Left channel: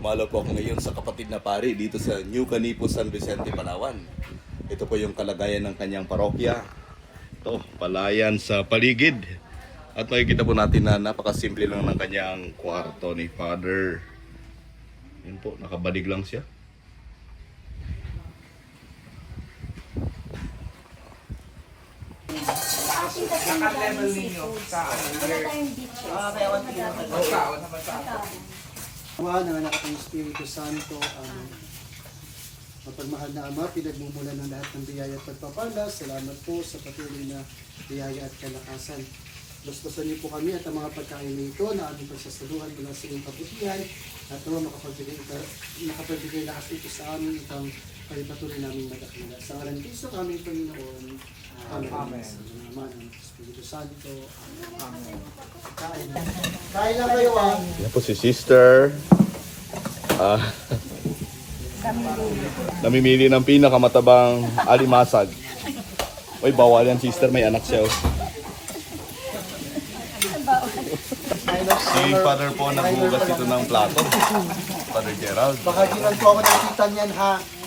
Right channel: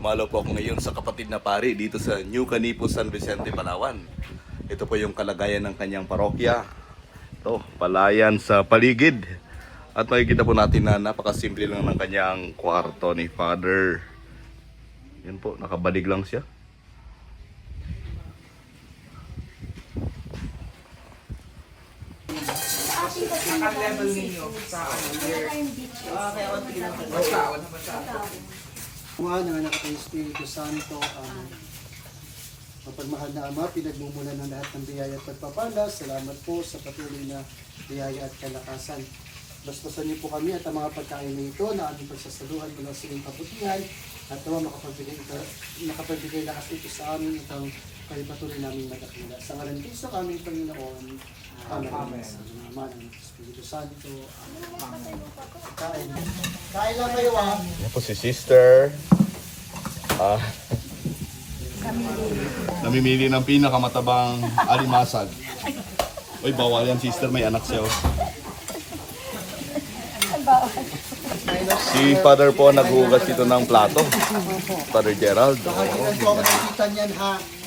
Dumalaw po ako ngayon sa kapatid na pari dito sa New Canipo, San Vicente, Palawan. Ito po yung kalagayan ng kanyang parokya. Ito, palayan sa paligid. At makikita po natin na napakasimple lang ng kanyang kwarto ni Father. Yan po, nakabalig lang siya. Naka-level ninyo sa Ama, nanganak ng Espiritu Santo, mapagmahal na Ama, pinagmumulan ng lahat ng biyaya at pagpapala. Salamat po sa patuloy na biyaya at kalakasan. Basbasan niyo po kami at ang mga pagkain na ito na aming pagsasaluhan mula sa inyong kabutihan at naman makapagbigay lakas ito sa amin itong kayo patuloy namin madakila. Sa ngalan Kristo kami, Panginoon. Amen. Sa naman ng Espiritu Santo. Amen. Kain. Kain lang kayo Yan po si Sister. Namimili ng pinakamatabang alimasag. Uy, bawal yan, Sister. May anak siya. Oh. Si Father po nagbugas ito ng plato. Father Gerald. Baka di lang po ako nakita niyan ha.